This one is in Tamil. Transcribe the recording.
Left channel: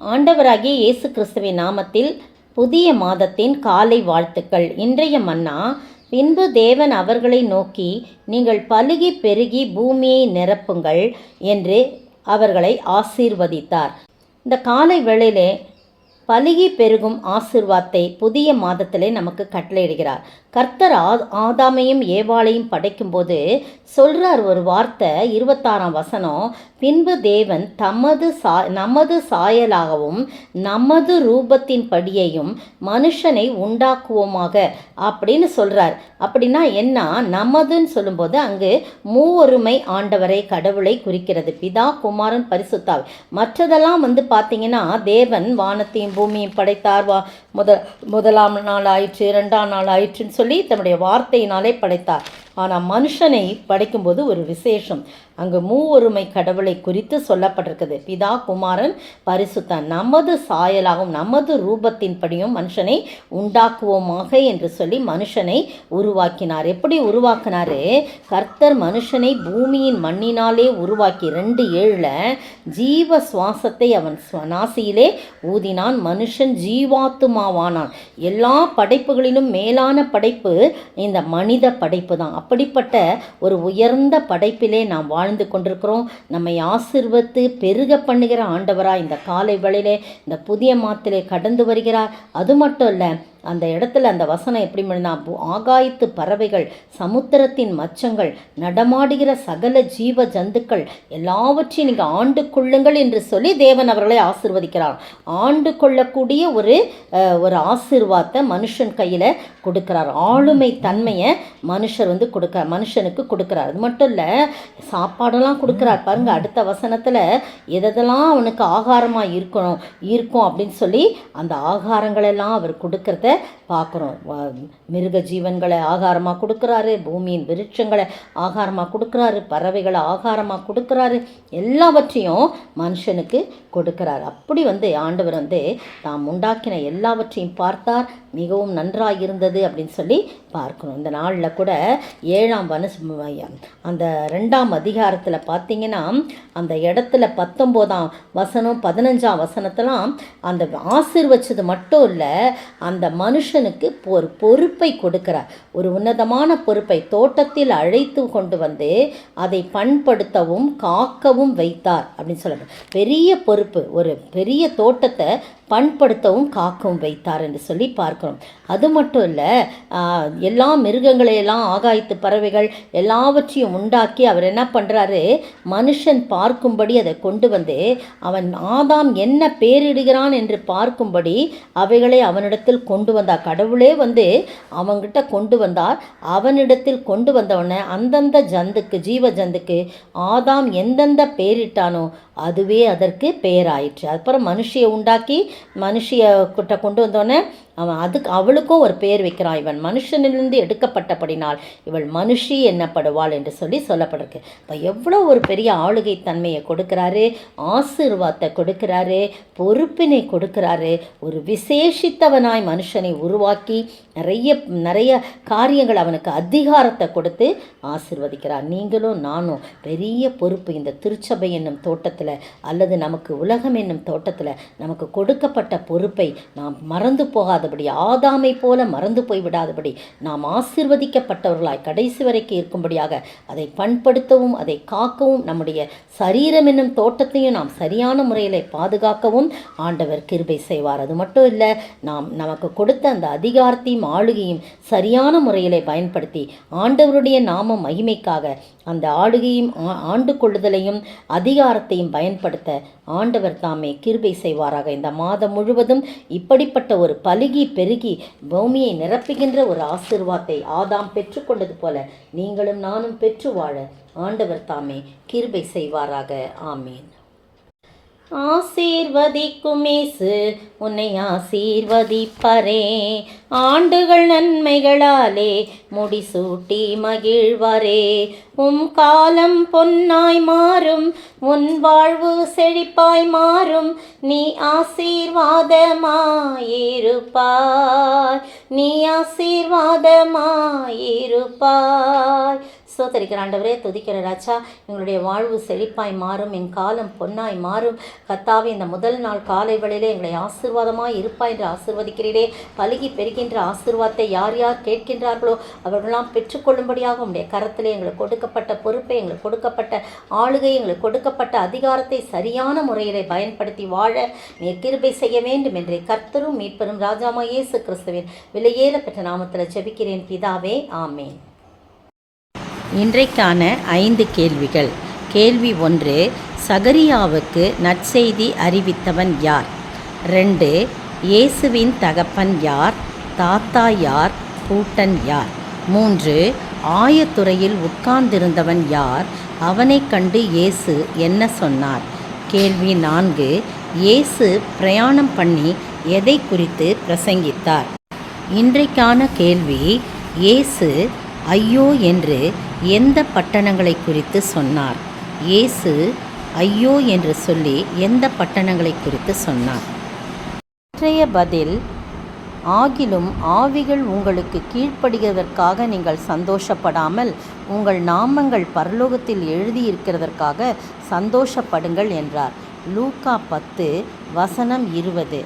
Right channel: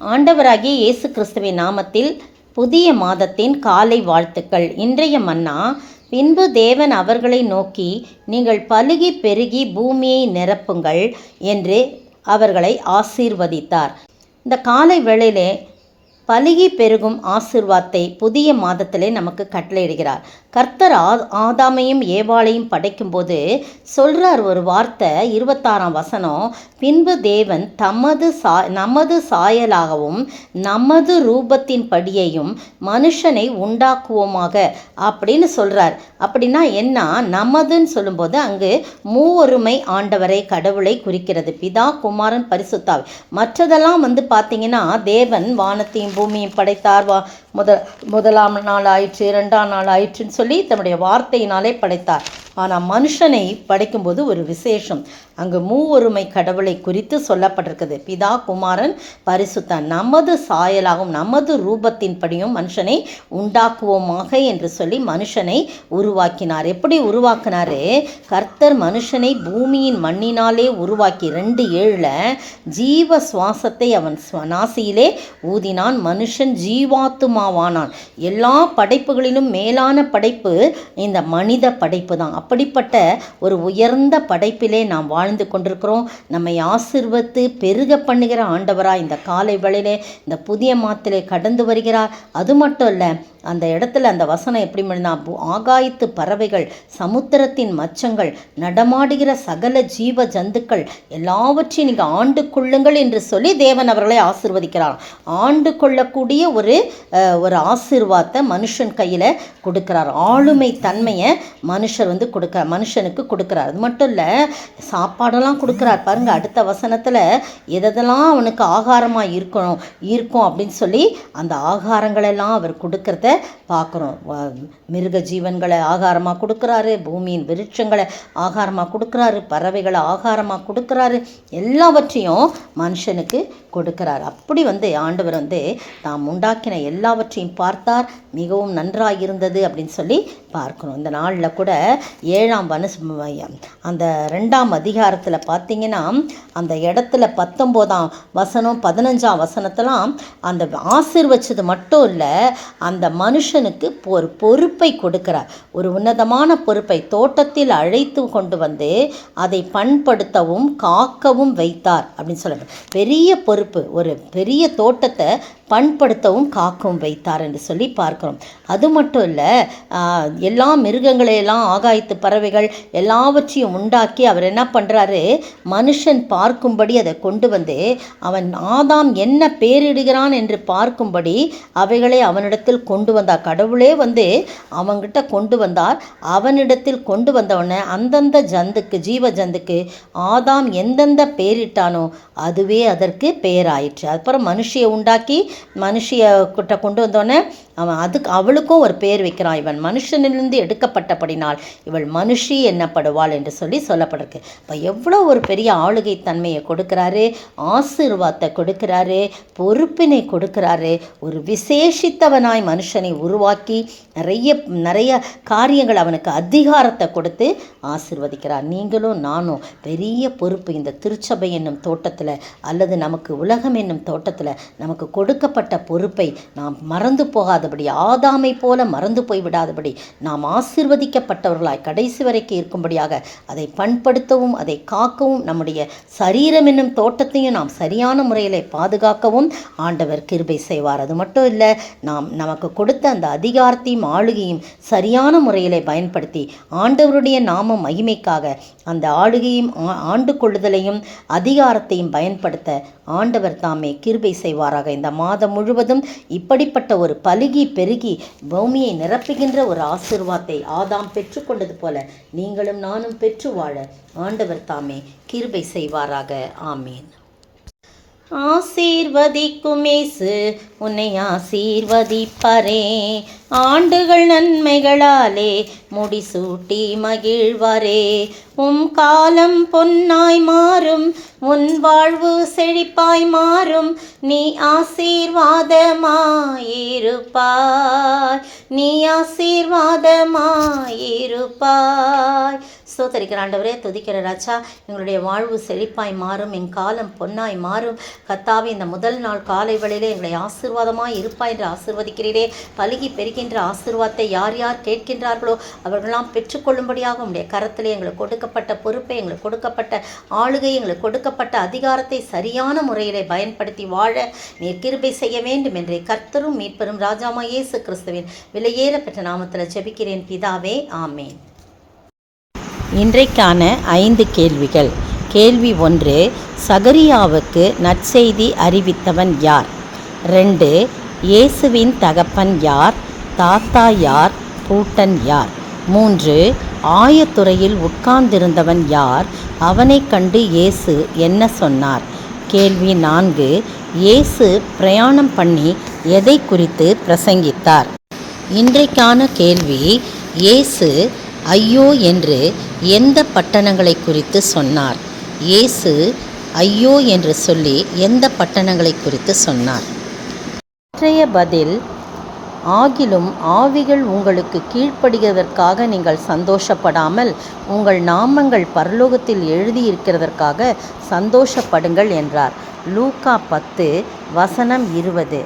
ஆண்டவராகிய இயேசு கிறிஸ்துவின் நாமத்தில் புதிய மாதத்தின் காலை வாழ்த்துக்கள். இன்றைய மன்னா, பின்பு தேவன் அவர்களை நோக்கி, நீங்கள் பலுகி பெருகி பூமியை நிரப்புங்கள் என்று அவர்களை ஆசீர்வதித்தார். இந்த காலை வேளையிலே பலுகி பெருகும் ஆசீர்வாதத்தை புதிய மாதத்திலே நமக்கு கட்டளையிடுகிறார். கர்த்தர் ஆதாமையும் ஏவாளையும் படைக்கும்போது சொல்கிறார் ஒரு வார்த்தை, 26ஆம் வசனம், பின்பு தேவன் நமது சாயலாகவும் நமது ரூபத்தின் படியையும் மனுஷனை உண்டாக்குவோமாக அப்படின்னு சொல்கிறார். அப்படின்னா என்ன? நமதுன்னு சொல்லும்போது அங்கு மூவொருமை ஆண்டவரை, கடவுளை குறிக்கிறது. பிதா, குமாரன், பரிசுத்தாவி. மற்றதெல்லாம் பார்த்தீங்கன்னா தேவன் வானத்தையும் பூமியும் படைத்தார். முதலாம் நாள் ஆயிற்று, 2ஆம் நாள் ஆயிற்றுன்னு சொல்லி தன்னுடைய வார்த்தையினாலே படைத்தார். ஆனால் மனுஷனை படைக்கும்போது ஒரு விசேஷம். அங்கு மூவொருமை கடவுளை குறித்து சொல்லப்பட்டிருக்குது. பிதா, குமாரன், பரிசுத்தன். நமது சாயலாகவும் நமது ரூபத்தின்படியும் மனுஷனை உண்டாக்குவோமாக என்று சொல்லி மனுஷனை உருவாக்கினார். எப்படி உருவாக்கினாரு? கர்த்தர் மனுஷனை பூமியின் மண்ணினாலே உருவாக்கி 2:7 ஜீவ சுவாசத்தை அவன் நாசியிலே ஊதினான். மனுஷன் ஜீவாத்துமாவானான். எல்லா படைப்புகளிலும் மேலான படைப்பு இந்த மனித படைப்பு தான். அப்படிப்பட்ட ஒரு உயர்ந்த படைப்பிலே நாம் வாழ்ந்து கொண்டிருக்கிறோம். நம்மை ஆசீர்வதித்து பெருக பண்ணுகிற ஆண்டவராக இந்த காலை வேளையிலே இந்த புதிய மாதத்திலே கடந்து வருகிறார். அது மட்டும் இல்லை, அந்த இடத்துல அந்த வசனம் எப்படி முடிந்தா, ஆகாயத்து பறவைகள், சமுத்திரத்தின் மச்சங்கள், நடமாடுகிற சகல ஜீவ ஜந்துக்கள் எல்லாவற்றையும் நீங்கள் ஆண்டு கொள்ளுங்கள் என்று சொல்லி தேவன் அவர்களை ஆசீர்வதிக்கிறார். ஆண்டு கொள்ளக்கூடிய ஒரு ஆசீர்வாதத்தை மனுஷன் கையில் கொடுக்கிறார். ஆளுமை தன்மையை மனுஷனுக்கு கொடுக்கிறார். அது மட்டும் இல்லை, சாப்பாடெல்லாம் கொடுக்கிறார். பாருங்கள், அடுத்த வசனத்தில் எதெல்லாம் அவனுக்கு ஆகாரமாக இருக்கும் அப்படின்னு சொல்லி அந்த ஆகாரங்களெல்லாம் அவர் கொடுக்கறத பார்க்குறோம். மிருக ஜீவன்களை ஆகாரமாக கொடுக்குறாரு, பூமியின் விருட்சங்களை ஆகாரமாக கொடுக்குறாரு, பறவைகளை ஆகாரமாக கொடுக்குறாரு, எல்லாவற்றையும் மனுஷனுக்கு கொடுக்கிறார். அப்படி ஆண்டவர் தாம் உண்டாக்கின எல்லாவற்றையும் பார்த்தார், மிகவும் நன்றாக இருந்தது அப்படின்னு சொல்லி பார்க்கணும். இந்த நாளில் கூட 7ஆம் அந்த 2ஆம் அதிகாரத்தில் பார்த்தீங்கன்னா அந்த இடத்துல 19ஆம் வசனம் 15ஆம் வசனத்தெல்லாம் அந்த ஆசீர்வச்சது மட்டும் இல்லை, அந்த மனுஷனுக்கு ஒரு பொறுப்பை கொடுக்கிறார். ஒரு உன்னதமான பொறுப்பை தோட்டத்தில் அழைத்து கொண்டு அதை பண்படுத்தவும் காக்கவும் வைத்தார் அப்படின்னு சொல்ல. பெரிய பொறுப்பு, ஒரு பெரிய தோட்டத்தை பண்படுத்தவும் காக்கவும் வைத்தார் என்று சொல்லி பார்க்கிறோம். அது மட்டும் இல்லை, எல்லா மிருகங்களையெல்லாம், ஆகாயத்து பறவைகள் எல்லாவற்றையும் உண்டாக்கி அவர் என்ன பண்ணுறாரு, மனுஷன் பார்க்கும்படி அதை கொண்டு அவன் ஆதாம் என்ன பேரிடுகிறான் என்று பார்க்கும்படி அவைகளை அவனிடத்தில் கொண்டு வந்தார். கடவுளே அவன்கிட்ட கொண்டு வந்தார். அவனிடத்தில் கொண்டு வந்தவன அந்தந்த ஜந்துக்கு, ஜீவ ஜந்துக்கு ஆதாம் எந்தெந்த பேரிட்டானோ அதுவே அதற்கு பெயராயிற்று. அப்புறம் மனுஷியை உண்டாக்கி மனுஷிய கிட்ட கொண்டு வந்தோடனே அவளுக்கும் ஒரு பெயர் வைக்கிறான். இவன் மனுஷனிலிருந்து எடுக்கப்பட்டபடினால் இவள் மனுஷி என்னப்படுவாள் என்று சொல்லி சொல்லப்பட்டிருக்கு. இப்போ எவ்வளோ ஒரு பெரிய ஆளுகை தன்மையை கொடுக்கிறாரு, ஆசீர்வாதத்தை கொடுக்கிறாரு, பொறுப்பினை கொடுக்கிறாரு. ஒரு விசேஷித்தவனாய் மனுஷனை உருவாக்கி நிறைய காரியங்கள் அவனுக்கு அதிகாரத்தை கொடுத்து ஆசீர்வதிக்கிறார். நீங்களும் நானும் பெரிய பொறுப்பு இந்த திருச்சபை என்னும் தோட்டத்தில் அல்லது நமக்கு உலகம் என்னும் தோட்டத்தில் நமக்கு கொடுக்கப்பட்ட பொறுப்பை நாம் மறந்து போகாதபடி, ஆதாமை போல மறந்து போய்விடாதபடி, நாம் ஆசீர்வதிக்கப்பட்டவர்களாய் கடைசி வரைக்கும் இருக்கும்படியாக அதை பண்படுத்தவும் அதை காக்கவும், நம்முடைய சரீரம் என்னும் தோட்டத்தையும் நாம் சரியான முறையில் பாதுகாக்கவும் ஆண்டவர் கிருபை செய்வார். அது மட்டும் இல்லை, நமக்கு கொடுத்த அந்த அதிகாரத்தையும் ஆளுகையும் சரியான முறையில் பயன்படுத்தி ஆண்டவருடைய நாம மகிமைக்காக அந்த ஆளுகையும் ஆண்டு கொள்ளுதலையும் அதிகாரத்தையும் பயன்படுத்த ஆண்டவர் தாமே கிருபை செய்வாராக. இந்த மாதம் முழுவதும் இப்படிப்பட்ட ஒரு பலுகி பெருகி பூமியை நிரப்புகின்ற ஒரு ஆசீர்வாதத்தை ஆதாம் பெற்றுக்கொண்டது போல நீங்களும் நானும் பெற்று வாழ ஆண்டவர் தாமே கிருபை செய்வாராக. ஆமீன். ஆசீர்வதிக்கும் இயேசு உன்னை ஆசீர்வதிப்பாரே, ஆண்டுகள் நன்மைகளாலே முடிசூட்டி மகிழ்வாரே. காலம் பொன்னாய் மாறும், உன் வாழ்வு செழிப்பாய் மாறும், நீ ஆசீர்வாதமாயிருப்பாய், நீ ஆசீர்வாதமாயிருப்பாய். ஸ்தோத்திரிக்கிற ஆண்டவரே, துதிக்கிற ராஜா. எங்களுடைய வாழ்வு செழிப்பாய் மாறும், என் காலம் பொன்னாய் மாறும். கர்த்தாவே, இந்த முதல் நாள் காலை வேளையிலே எங்களை ஆசீர்வாதமாய் இருப்பாய் என்று ஆசீர்வதிக்கிறீரே. பலுகி பெறுகின்ற ஆசீர்வாதத்தை யார் யார் கேட்கின்றார்களோ அவர்களெல்லாம் பெற்றுக்கொள்ளும்படியாக உடைய கரத்திலே எங்களுக்கு கொடுக்கப்பட்ட பொறுப்பை, எங்களுக்கு கொடுக்கப்பட்ட ஆளுகை, எங்களுக்கு கொடுக்கப்பட்ட அதிகாரத்தை சரியான முறையிலே பயன்படுத்தி வாழ நீர் கிருபை செய்ய வேண்டும் என்று கர்த்தரும் மீட்பரும் ராஜாமா இயேசு கிறிஸ்துவின் விலையேற பெற்ற நாமத்தில் ஜெபிக்கிறேன் பிதாவே, ஆமேன். இன்றைக்கான 5 கேள்விகள். கேள்வி 1, சகரியாவுக்கு நற்செய்தி அறிவித்தவன் யார்? 2, இயேசுவின் தகப்பன் யார்? தாத்தா யார்? பூட்டன் யார்? 3, ஆயத்துறையில் உட்கார்ந்திருந்தவன் யார்? அவனைக் கண்டு இயேசு என்ன சொன்னார்? கேள்வி 4, இயேசு பிரயாணம் பண்ணி எதை குறித்து பிரசங்கித்தார்? இன்றைக்கான கேள்வி, இயேசு ஐயோ என்று எந்த பட்டணங்களை குறித்து சொன்னார்? இயேசு ஐயோ என்று சொல்லி எந்த பட்டணங்களை குறித்து சொன்னார்? இன்றைய பதில், ஆகிலும் ஆவிகள் உங்களுக்கு கீழ்ப்படுகிறதற்காக நீங்கள் சந்தோஷப்படாமல் உங்கள் நாமங்கள் பரலோகத்தில் எழுதியிருக்கிறதற்காக சந்தோஷப்படுங்கள் என்றார். லூக்கா 10 வசனம் 20.